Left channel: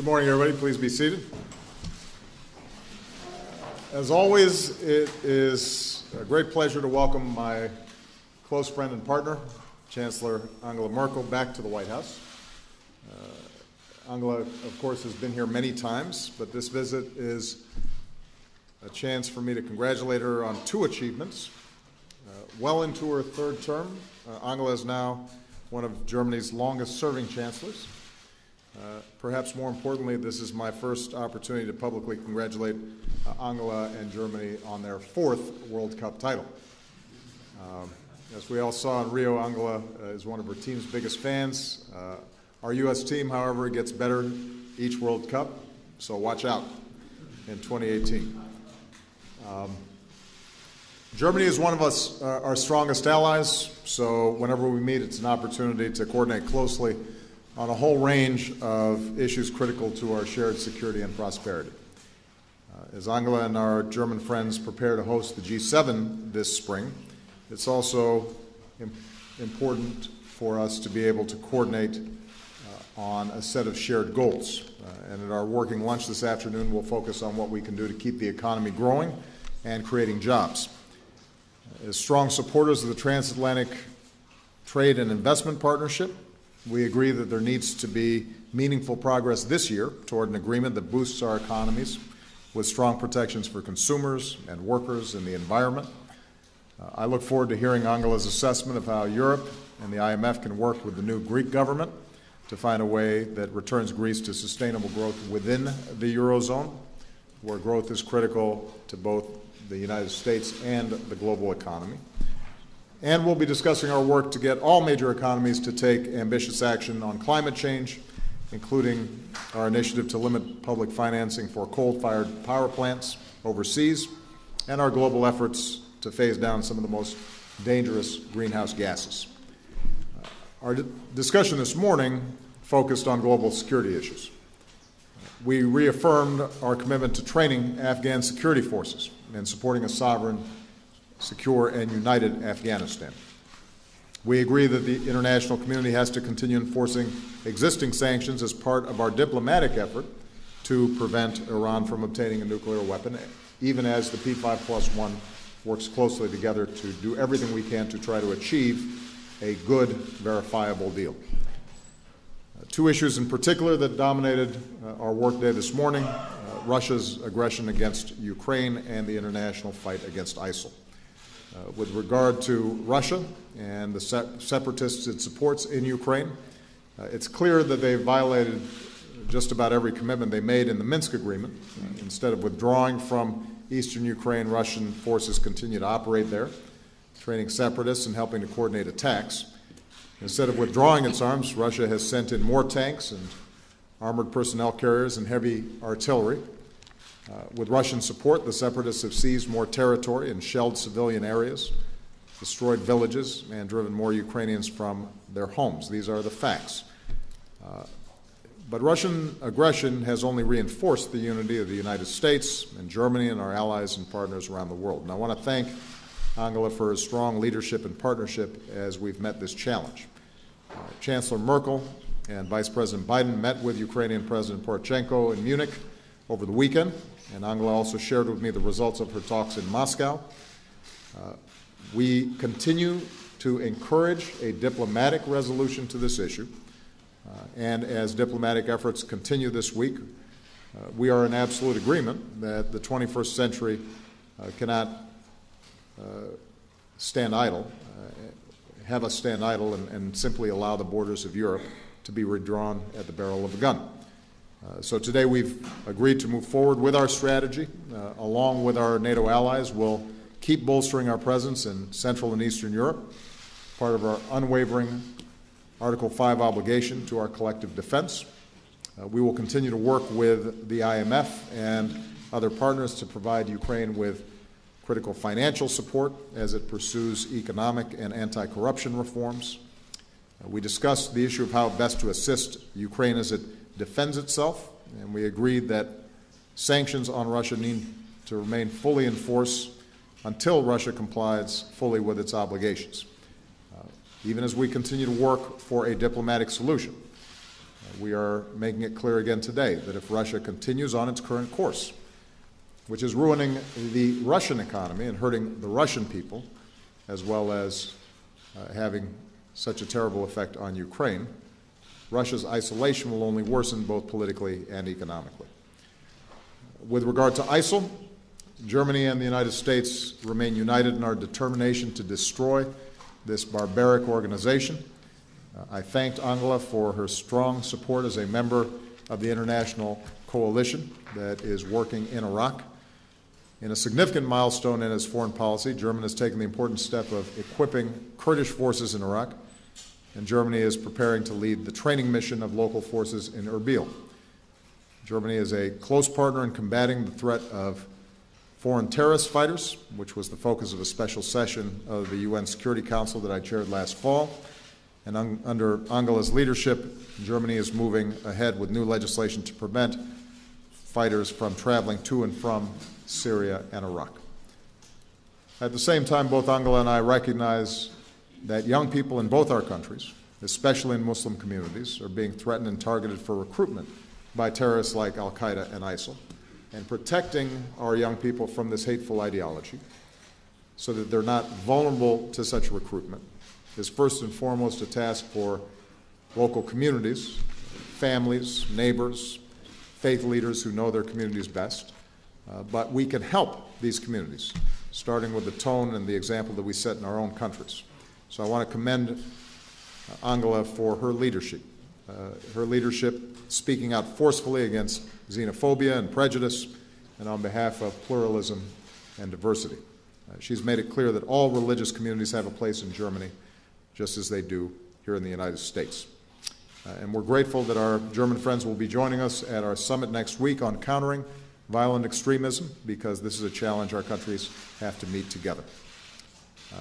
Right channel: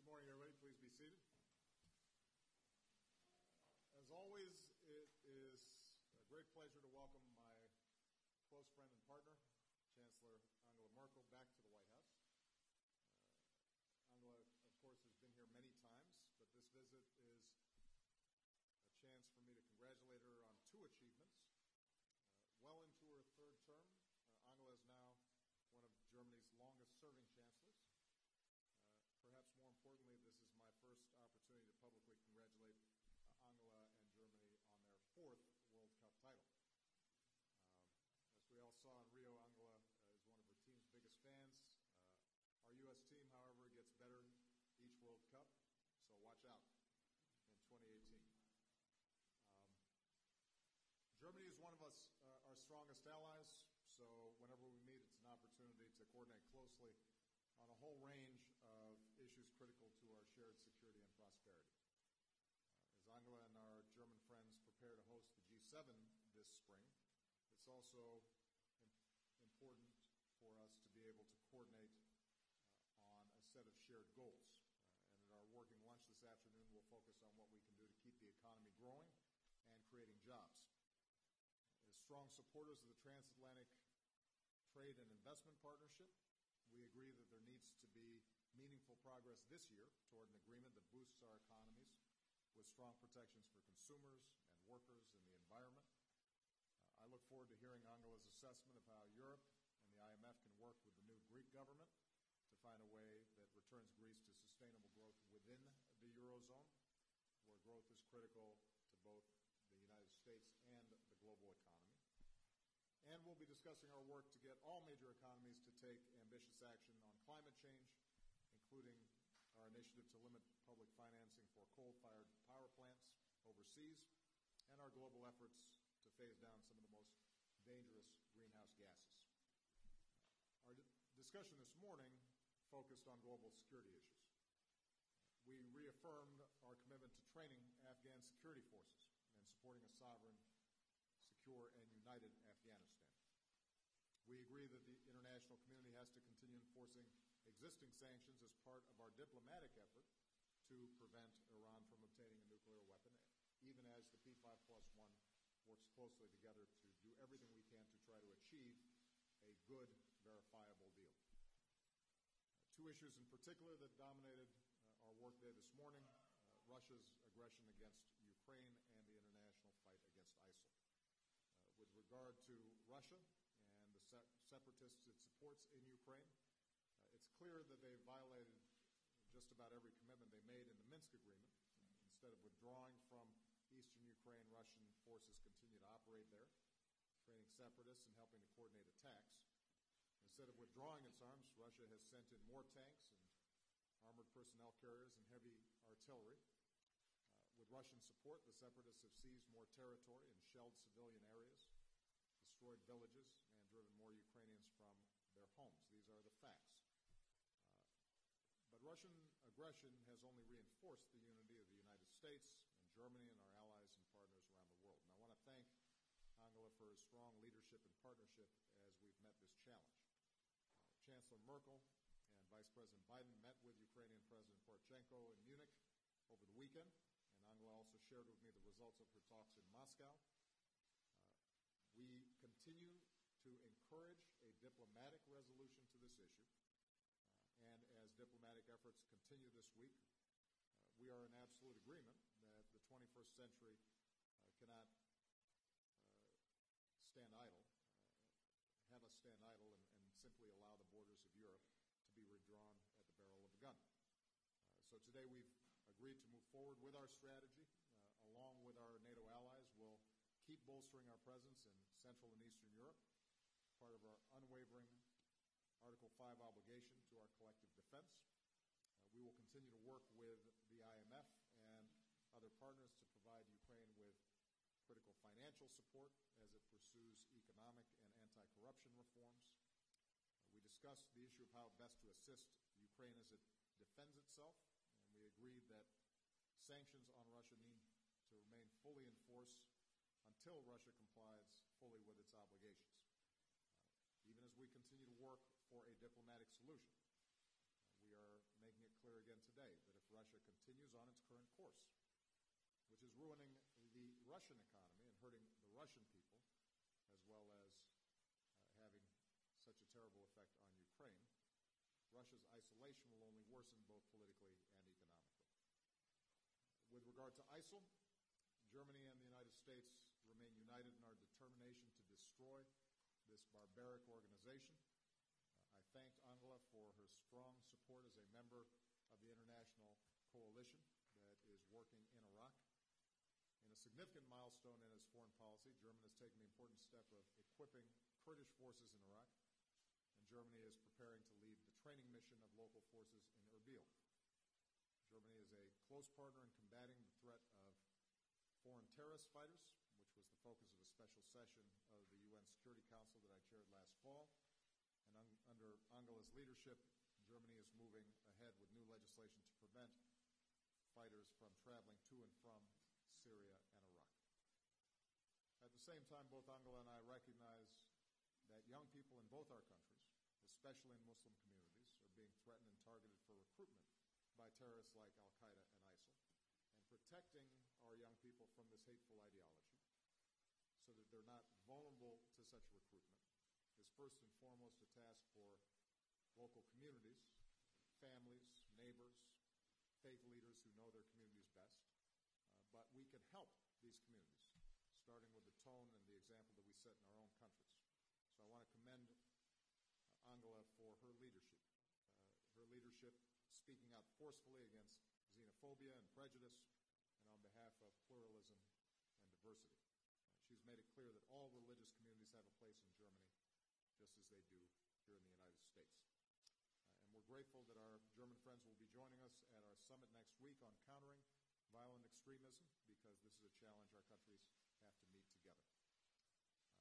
Good morning, everybody. Please be seated. As always, it is a great pleasure to welcome my close friend and partner, Chancellor Angela Merkel, back to the White House. Angela, of course, has been here many times, but this visit is a chance for me to congratulate her on two achievements. Well into her third term, Angela is now one of Germany's longest-serving chancellors. Perhaps more importantly, this is my first opportunity to publicly congratulate Angela and Germany on their fourth World Cup title. As we all saw in Rio, Angela is one of her team's biggest fans. Our U.S. team, however, gets better each World Cup, so watch out in 2018. Germany is one of our strongest allies, so whenever we meet, it's an opportunity to coordinate closely on a whole range of issues critical to our shared security and prosperity. As Angela and our German friends prepare to host the G7 this spring, it's also important for us to be able to coordinate on a set of shared goals. And at our working lunch this afternoon, we'll focus on what we can do to keep the economy growing and creating jobs. As strong supporters of the transatlantic trade and investment partnership, we agree that there needs to be meaningful progress this year toward an agreement that boosts our economies with strong protections for consumers and workers and the environment. I look forward to hearing Angela's assessment of how Europe and the IMF can work with the new Greek government to find a way that returns Greece to sustainable growth within the Eurozone, where growth is critical to both the United States and the global economy. And we'll be discussing our work to get all major economies to take ambitious action on climate change, including our initiative to limit public financing for coal-fired power plants overseas, and our global efforts to phase down some of the most dangerous greenhouse gases. Our discussion this morning focused on global security issues. We reaffirmed our commitment to training Afghan security forces and supporting a sovereign, secure, and united Afghanistan. We agree that the international community has to continue enforcing existing sanctions as part of our diplomatic effort to prevent Iran from obtaining a nuclear weapon, even as the P5+1 works closely together to do everything we can to try to achieve a good, verifiable deal. Two issues in particular that dominated our workday this morning, Russia's aggression against Ukraine and the international fight against ISIL. With regard to Russia and the separatists it supports in Ukraine, it's clear that they violated just about every commitment they made in the Minsk agreement. Instead of withdrawing from eastern Ukraine, Russian forces continue to operate there, training separatists and helping to coordinate attacks. Instead of withdrawing its arms, Russia has sent in more tanks and armored personnel carriers and heavy artillery. With Russian support, the separatists have seized more territory and shelled civilian areas, destroyed villages, and driven more Ukrainians from their homes. These are the facts. But Russian aggression has only reinforced the unity of the United States and Germany and our allies and partners around the world. And I want to thank Angela for her strong leadership and partnership as we've met this challenge. Chancellor Merkel and Vice President Biden met with Ukrainian President Poroshenko in Munich over the weekend, and Angela also shared with me the results of her talks in Moscow. We continue to encourage a diplomatic resolution to this issue, and as diplomatic efforts continue this week, we are in absolute agreement that the 21st century cannot stand idle, have us stand idle and simply allow the borders of Europe to be redrawn at the barrel of a gun. So today we've agreed to move forward with our strategy. Along with our NATO allies, we'll keep bolstering our presence in Central and Eastern Europe, part of our unwavering Article 5 obligation to our collective defense. We will continue to work with the IMF and other partners to provide Ukraine with critical financial support as it pursues economic and anti-corruption reforms. We discussed the issue of how best to assist Ukraine as it defends itself, and we agreed that sanctions on Russia need to remain fully in force until Russia complies fully with its obligations. Even as we continue to work for a diplomatic solution, we are making it clear again today that if Russia continues on its current course, which is ruining the Russian economy and hurting the Russian people, as well as having such a terrible effect on Ukraine, Russia's isolation will only worsen both politically and economically. With regard to ISIL, Germany and the United States remain united in our determination to destroy this barbaric organization. I thanked Angela for her strong support as a member of the international coalition that is working in Iraq. In a significant milestone in its foreign policy, Germany has taken the important step of equipping Kurdish forces in Iraq, and Germany is preparing to lead the training mission of local forces in Erbil. Germany is a close partner in combating the threat of foreign terrorist fighters, which was the focus of a special session of the UN Security Council that I chaired last fall. And under Angela's leadership, Germany is moving ahead with new legislation to prevent fighters from traveling to and from Syria and Iraq. At the same time, both Angela and I recognize that young people in both our countries, especially in Muslim communities, are being threatened and targeted for recruitment by terrorists like al-Qaeda and ISIL. And protecting our young people from this hateful ideology so that they're not vulnerable to such recruitment is first and foremost a task for local communities, families, neighbors, faith leaders who know their communities best. But we can help these communities, starting with the tone and the example that we set in our own countries. So I want to commend Angela for her leadership speaking out forcefully against xenophobia and prejudice, and on behalf of pluralism and diversity. She's made it clear that all religious communities have a place in Germany, just as they do here in the United States. And we're grateful that our German friends will be joining us at our summit next week on countering violent extremism, because this is a challenge our countries have to meet together.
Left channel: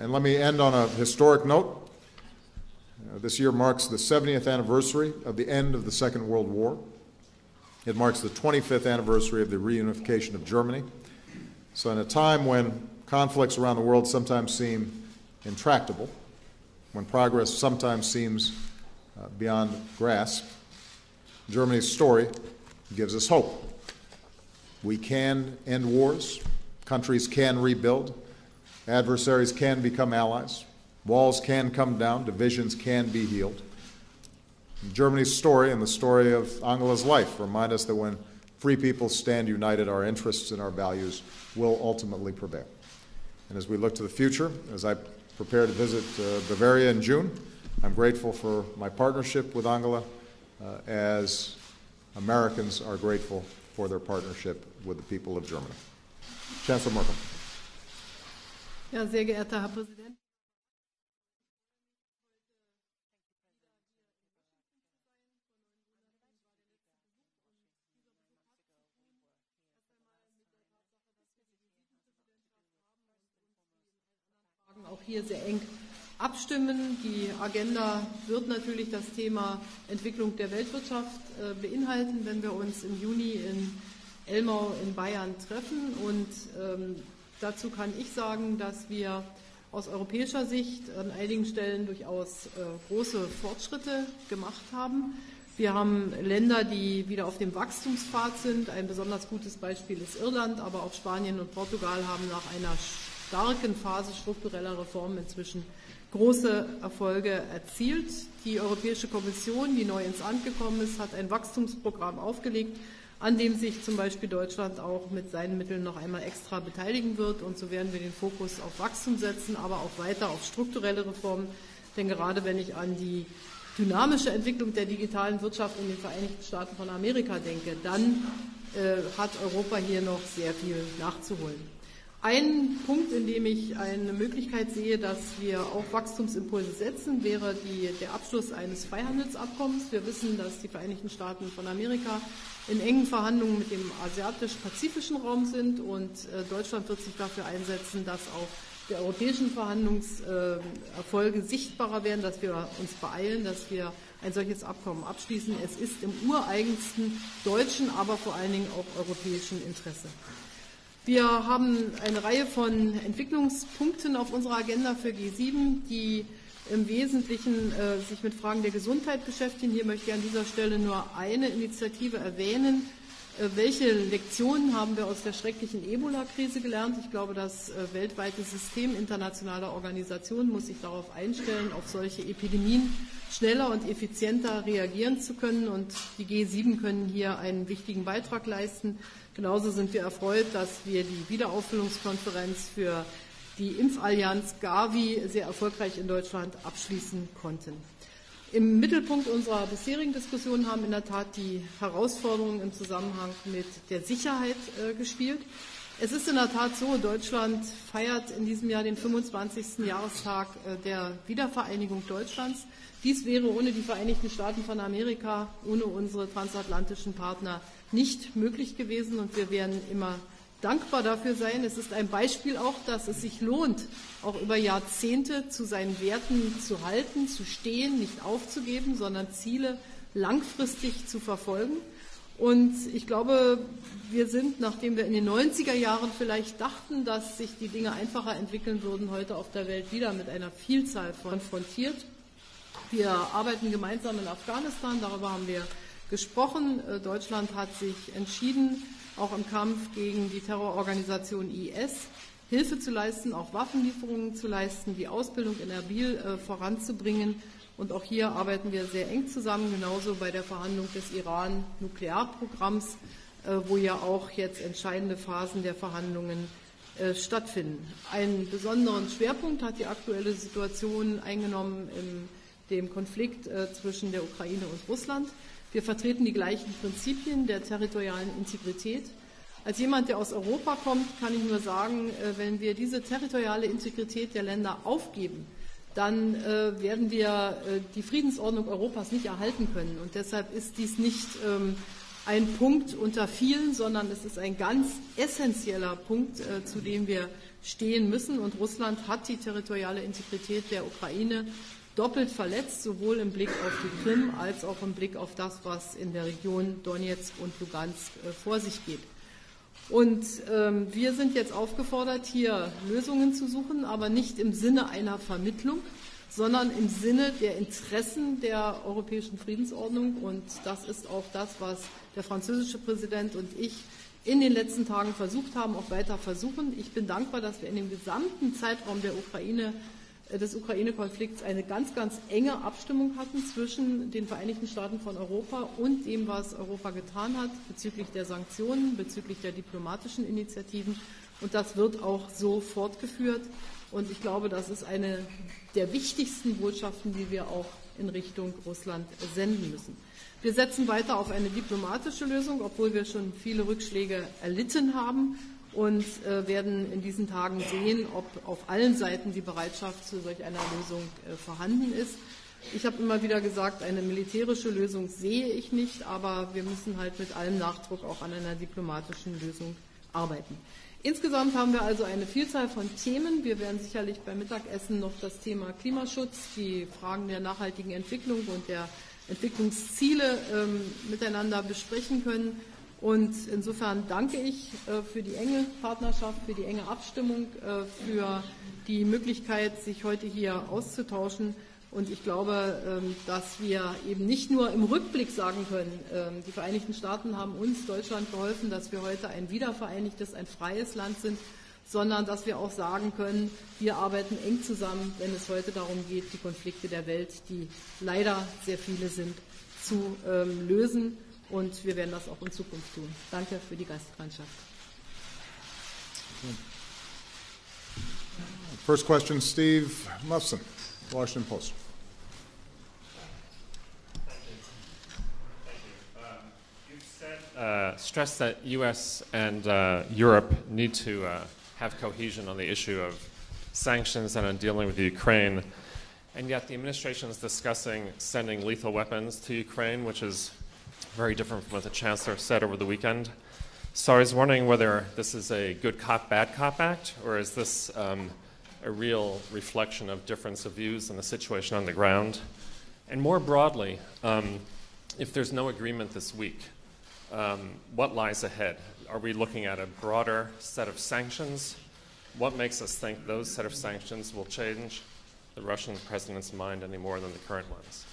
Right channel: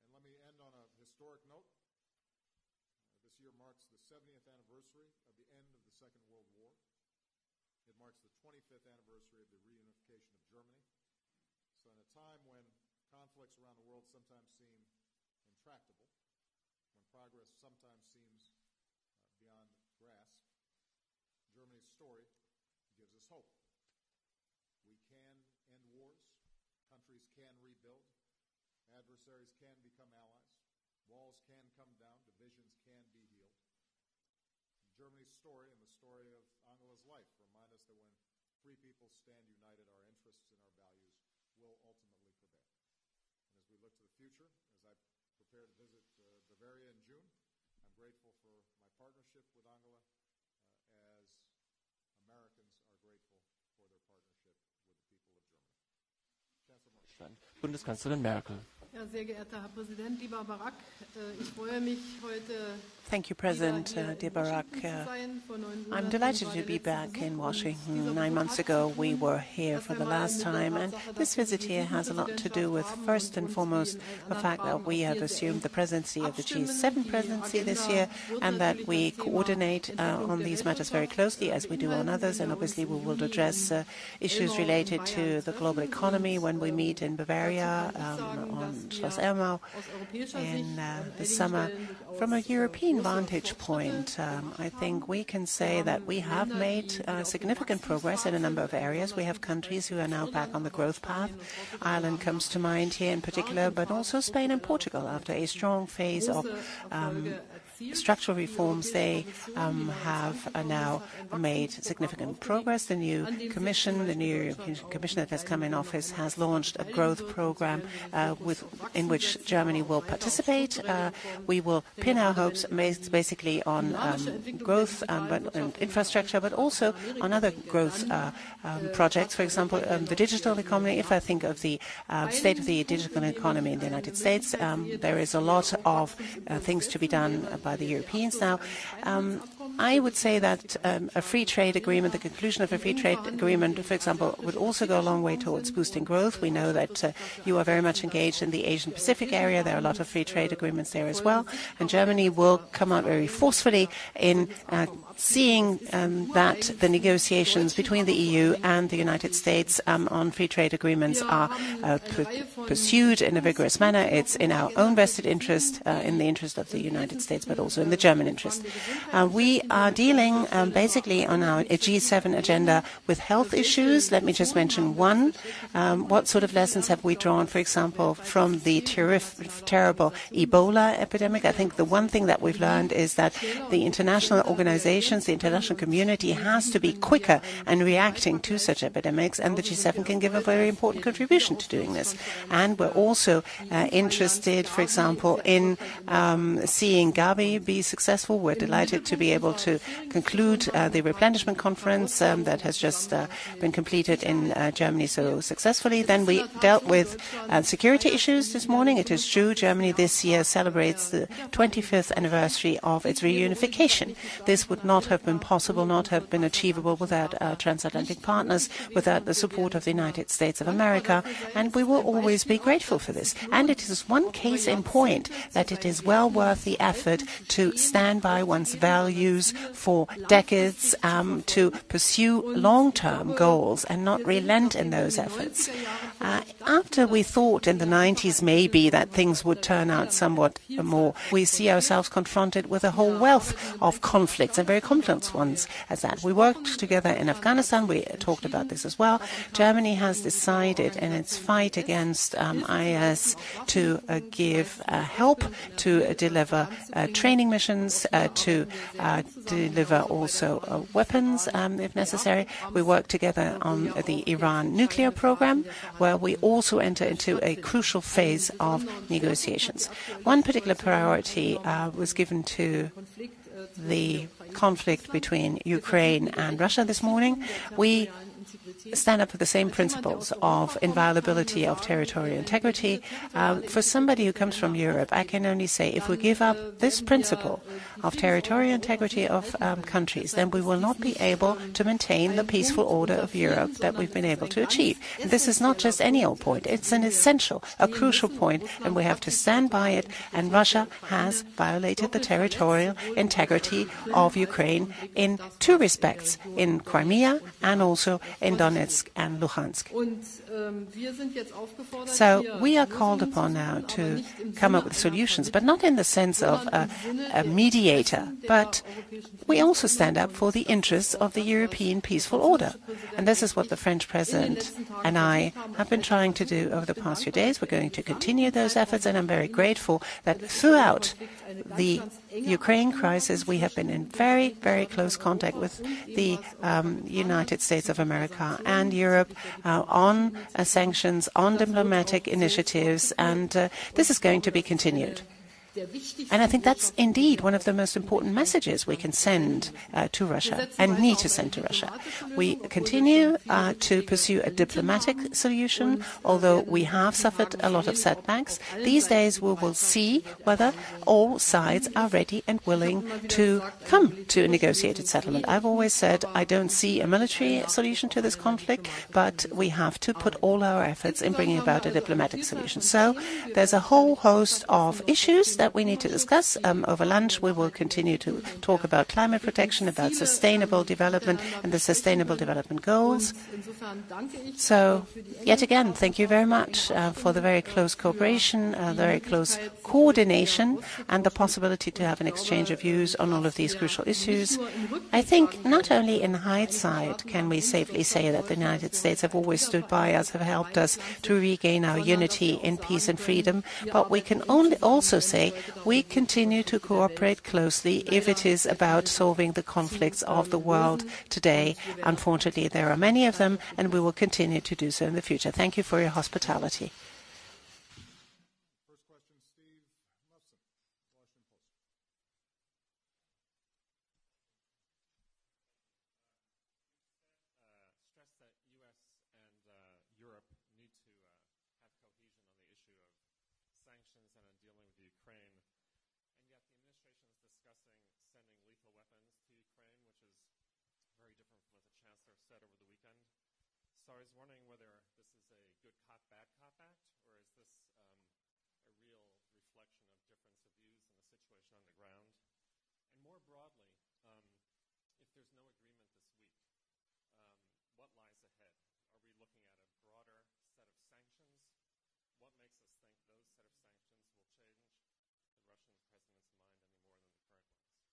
And let me end on a historic note. This year marks the 70th anniversary of the end of the Second World War. It marks the 25th anniversary of the reunification of Germany. So in a time when conflicts around the world sometimes seem intractable, when progress sometimes seems beyond grasp, Germany's story gives us hope. We can end wars, countries can rebuild, adversaries can become allies, walls can come down, divisions can be healed. Germany's story and the story of Angela's life remind us that when free people stand united, our interests and our values will ultimately prevail. And as we look to the future, as I prepare to visit Bavaria in June, I'm grateful for my partnership with Angela, as Americans are grateful for their partnership with the people of Germany. Chancellor Merkel. Bundeskanzlerin Merkel. Ja, sehr geehrter Herr Präsident, lieber Barack, ich freue mich heute. Thank you, President. Dear Barack, I'm delighted to be back in Washington. 9 months ago, we were here for the last time, and this visit here has a lot to do with, first and foremost, the fact that we have assumed the presidency of the G7 presidency this year, and that we coordinate on these matters very closely, as we do on others, and obviously we will address issues related to the global economy when we meet in Bavaria on Schloss Elmau in the summer. From a European vantage point, I think we can say that we have made significant progress in a number of areas. We have countries who are now back on the growth path. Ireland comes to mind here in particular, but also Spain and Portugal. After a strong phase of structural reforms, they have now made significant progress. The new Commission, the new European Commission that has come in office, has launched a growth program in which Germany will participate. We will pin our hopes basically on growth and infrastructure, but also on other growth projects. For example, the digital economy. If I think of the state of the digital economy in the United States, there is a lot of things to be done by the Europeans now. I would say that a free trade agreement, the conclusion of a free trade agreement, for example, would also go a long way towards boosting growth. We know that you are very much engaged in the Asian Pacific area. There are a lot of free trade agreements there as well, and Germany will come out very forcefully in seeing that the negotiations between the EU and the United States on free trade agreements are pursued in a vigorous manner. It's in our own vested interest, in the interest of the United States, but also in the German interest. We are dealing basically on our G7 agenda with health issues. Let me just mention one. What sort of lessons have we drawn, for example, from the terrible Ebola epidemic? I think the one thing that we've learned is that the international organizations, the international community has to be quicker in reacting to such epidemics, and the G7 can give a very important contribution to doing this. And we're also interested, for example, in seeing Gavi be successful. We're delighted to be able to conclude the replenishment conference that has just been completed in Germany so successfully. Then we dealt with security issues this morning. It is true, Germany this year celebrates the 25th anniversary of its reunification. This would not have been possible, not have been achievable without our transatlantic partners, without the support of the United States of America, and we will always be grateful for this. And it is one case in point that it is well worth the effort to stand by one's values for decades, to pursue long-term goals and not relent in those efforts. After we thought in the 90s maybe that things would turn out somewhat more, we see ourselves confronted with a whole wealth of conflicts, and very complex ones as that. We worked together in Afghanistan. We talked about this as well. Germany has decided in its fight against IS to give help, to deliver training missions, to deliver also weapons if necessary. We work together on the Iran nuclear program, where we also enter into a crucial phase of negotiations. One particular priority was given to the conflict between Ukraine and Russia this morning. We stand up for the same principles of inviolability of territorial integrity. For somebody who comes from Europe, I can only say if we give up this principle of territorial integrity of countries, then we will not be able to maintain the peaceful order of Europe that we've been able to achieve. And this is not just any old point. It's an essential, a crucial point, and we have to stand by it. And Russia has violated the territorial integrity of Ukraine in two respects, in Crimea and also in Donetsk and Luhansk. So we are called upon now to come up with solutions, but not in the sense of a mediator, but we also stand up for the interests of the European peaceful order. And this is what the French President and I have been trying to do over the past few days. We're going to continue those efforts, and I'm very grateful that throughout the Ukraine crisis we have been in very, very close contact with the United States of America and Europe on sanctions, on diplomatic initiatives, and this is going to be continued. And I think that's indeed one of the most important messages we can send to Russia and need to send to Russia. We continue to pursue a diplomatic solution, although we have suffered a lot of setbacks. These days we will see whether all sides are ready and willing to come to a negotiated settlement. I've always said I don't see a military solution to this conflict, but we have to put all our efforts in bringing about a diplomatic solution. So there's a whole host of issues that we need to discuss. Over lunch we will continue to talk about climate protection, about sustainable development and the sustainable development goals. So yet again, thank you very much for the very close cooperation, very close coordination, and the possibility to have an exchange of views on all of these crucial issues. I think not only in hindsight can we safely say that the United States have always stood by us, have helped us to regain our unity in peace and freedom, but we can also say we continue to cooperate closely if it is about solving the conflicts of the world today. Unfortunately, there are many of them, and we will continue to do so in the future. Thank you for your hospitality. First question, Steve Muffson, Washington Post. You've stressed that U.S. and Europe need to have cohesion on the issue of sanctions and on dealing with Ukraine, and yet the administration is discussing sending lethal weapons to Ukraine, which is very different from what the Chancellor said over the weekend. So I was wondering whether this is a good cop, bad cop act, or is this a real reflection of difference of views and the situation on the ground? And more broadly, if there's no agreement this week, what lies ahead? Are we looking at a broader set of sanctions? What makes us think those set of sanctions will change the Russian president's mind any more than the current ones?